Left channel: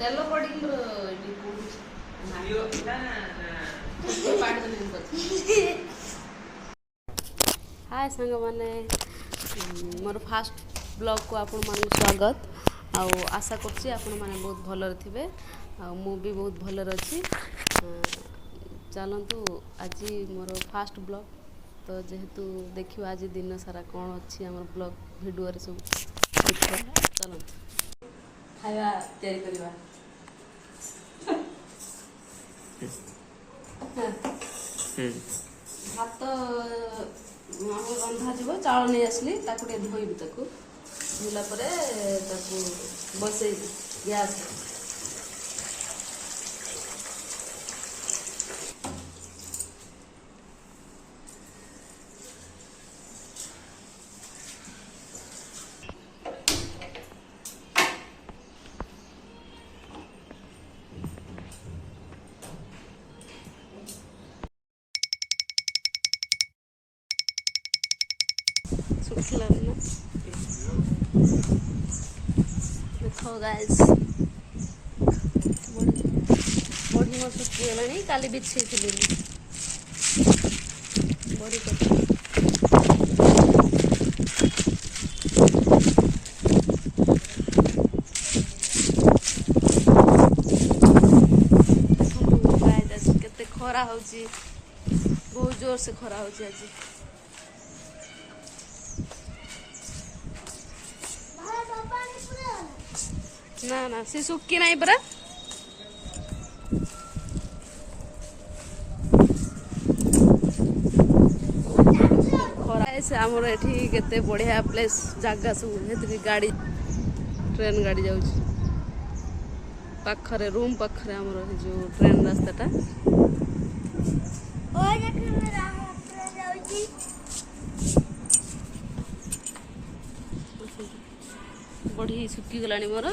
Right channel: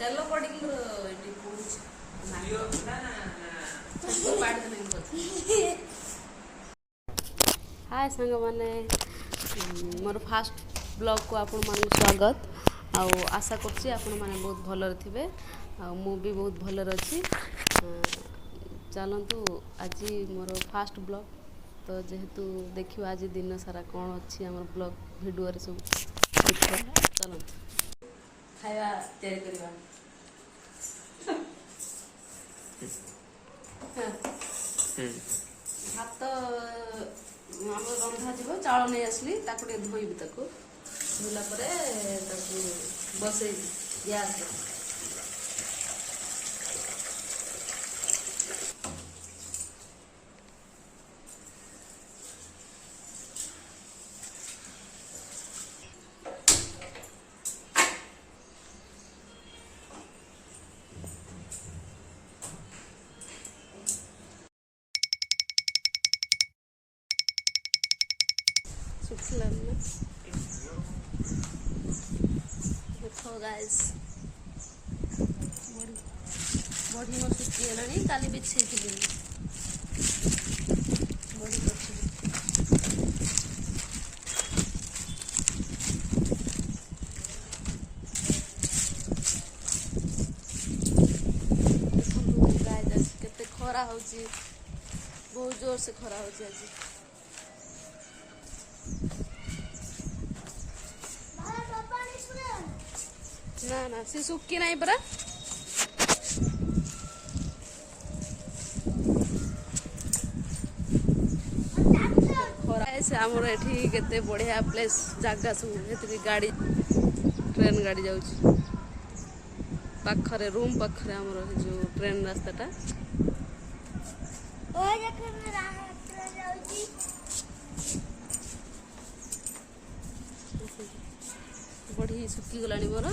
ତେଲ ପଡ଼ିକି ମୋର ଏଠି ପୋଡ଼ୁଛି। हाय सांग मैंने मोर फास्ट ब्लॉग को आपण मानक स्वागत आउ आशा करछि आपण माने बहुत भलर थिबे आ मु भी बहुत भलर अछि। चलतु आज मोर फास्ट ब्लॉग तो जेहेतु देखियो आज दिन सारा कौन अच्छी आम ब्लॉग भिडियो रे सब देखियो। चलतु खाଇବା तैयारी करबा। भात आम रंधा जीव चाउल नहीं आसली ताको धोइबी ताको धोला परे ताको बसई गैस देखो गाइस बड़ी मोर सुखीगलानी काली बिछे बड़ी केते खरा होची बहुत जोर से खरा होची आज। ना ना सी सुक्की नहीं परा ऐसे आमर एठी केते बढ़िया प्लेस जगह सब हेतु गाड़ी ट्रेन गाड़ी जाउची पाखरे रूम पाखरे आमर जो ट्रेन रास्ताटा बढ़ी सुखी गलानी मोर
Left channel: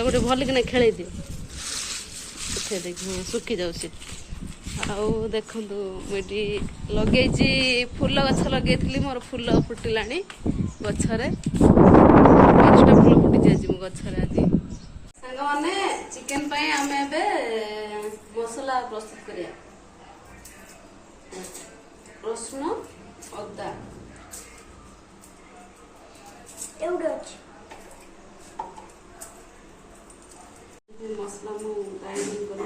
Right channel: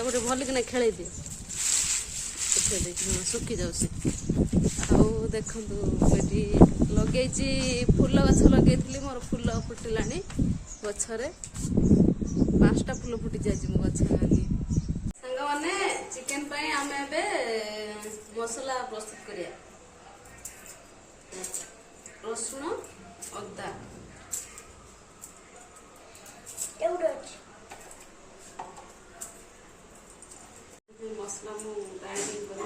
गोटे भल कि खेल दियो हाँ सुखी जाऊँगी। आउ देखु मुझे लगे फूल गछ लगे मोर फूल फुटिला गचरे 5टा फूल फुटी आज मो गचरे आज सांग मैंने चिकेन आम ए मसला प्रस्तुत करिया रसुण अदा मसला मु ग्राइंडिंग कर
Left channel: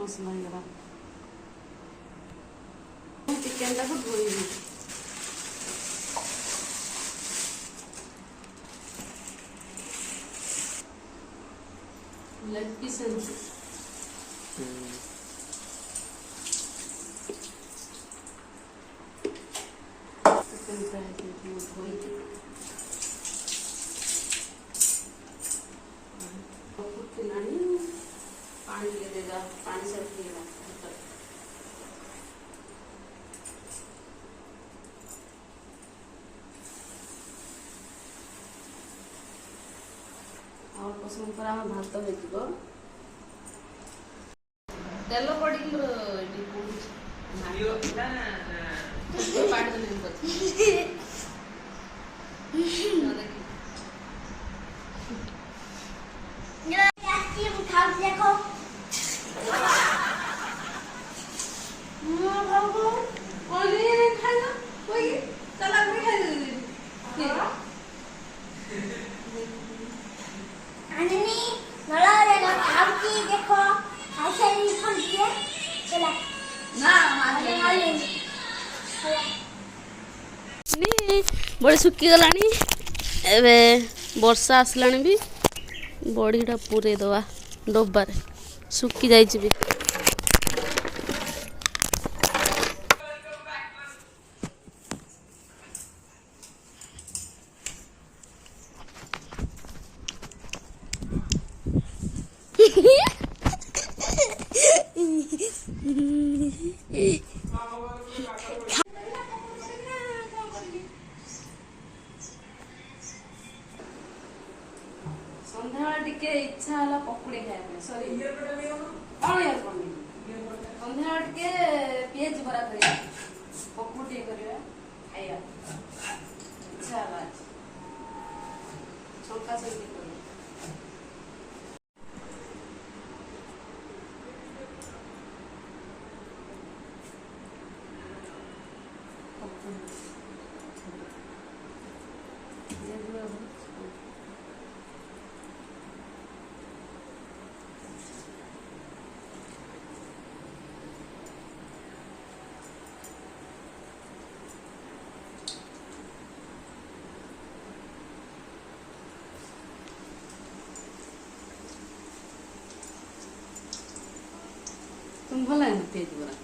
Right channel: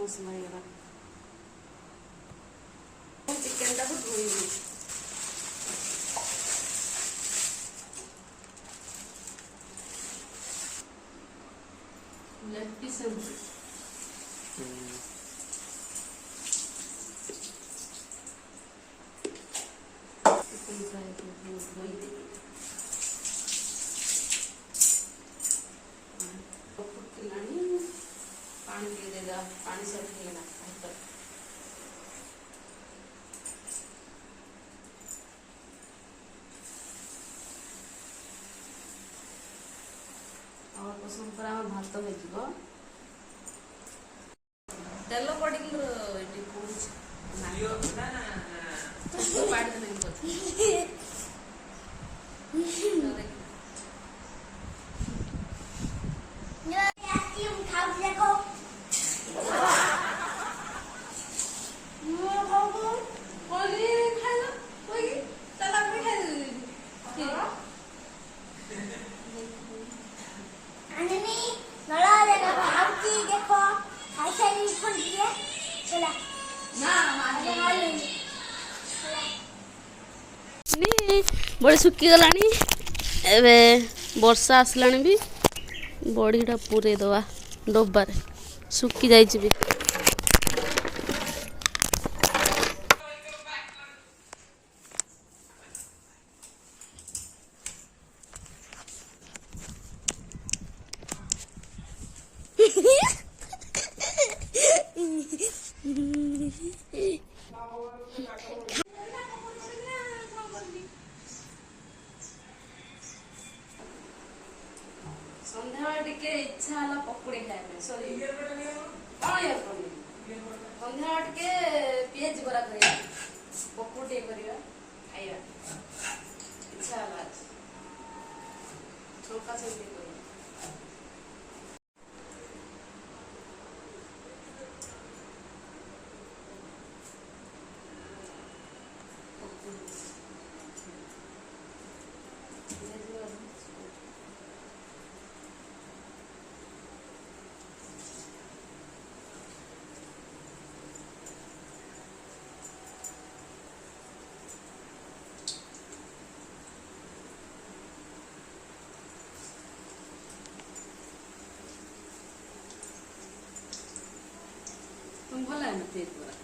मसला चिकेन टाक धोइबी लेग पीस पानी देगा पानी सब और पसंद कर भात हो तेल पड़ी बड़ी सुखी गलानी एबे वर्षा आसलानी भी बड़ीटा पूरे दवा डब्बार सुखी जाइए भी संध्या टिके इच्छा होला पकुड़ी खाए सॉरी ସନ୍ଧ୍ୟା ଟିକେ ପିଆଜି ବରା କରିବା, ପକୁଡ଼ି ଟିକେ କରିବା, ଖାଇବା ଇଚ୍ଛା ହେଲା ଆଜି। ଛଙ୍କା ସେମିତି କରିବା। तुम्हें भल लगे पियाज बरा?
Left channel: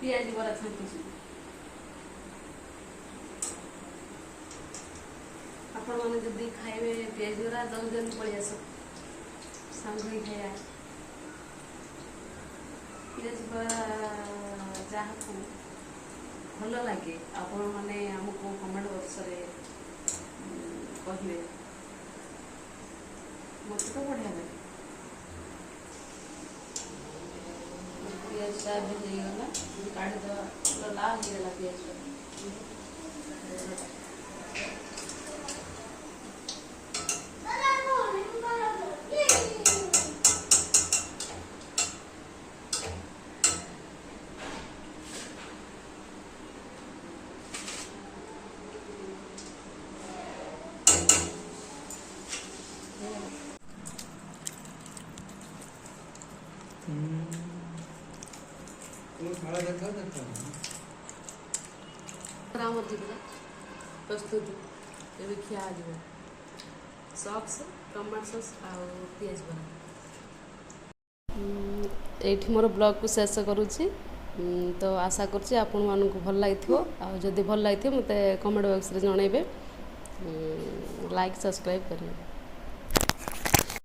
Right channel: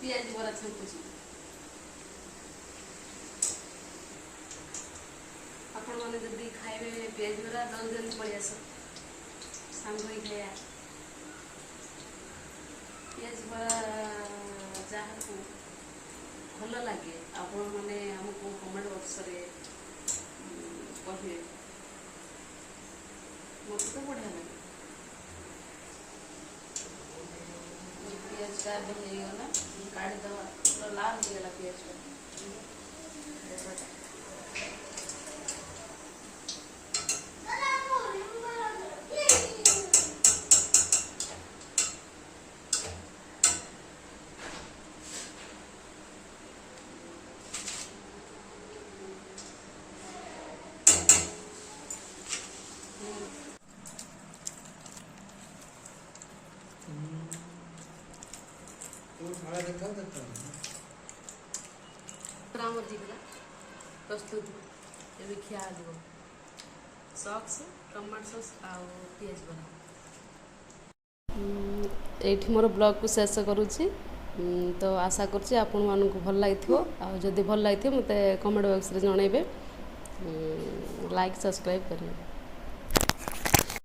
पियाज बरा छांकुची आपण माने जदी खाइबे पियाज बरा जल्दी जल्दी पड़ी आस सांग ही खाया पियाज बरा जहाँ को भल लगे आपण माने हमको कमेंट बॉक्स रे कहिए मत तो बढ़िया लगे पियाज का भी नहीं गला काट दो लाल हो गला पियाज ଆମର ଯିବା ପ୍ରସ୍ତୁତ ଏବେ ଖିଆ ଯିବ ସକ୍ସ ଟମାଟୋ ସସ୍ ଆଉ ପିଆଜ ବରା। ଏଇଠି ମୋର ବ୍ଲଗ୍କୁ ଶେଷ କରୁଛି ତ ଆଶା କରୁଛି ଆପଣମାନଙ୍କୁ ଭଲ ଲାଗିଥିବ ଆଉ ଯଦି ଭଲ ଲାଗିଥିବ ମୋତେ କମେଣ୍ଟ ବକ୍ସରେ ଜଣାଇବେ ଲାଇକ୍ ସବସ୍କ୍ରାଇବ୍ କରିବେ।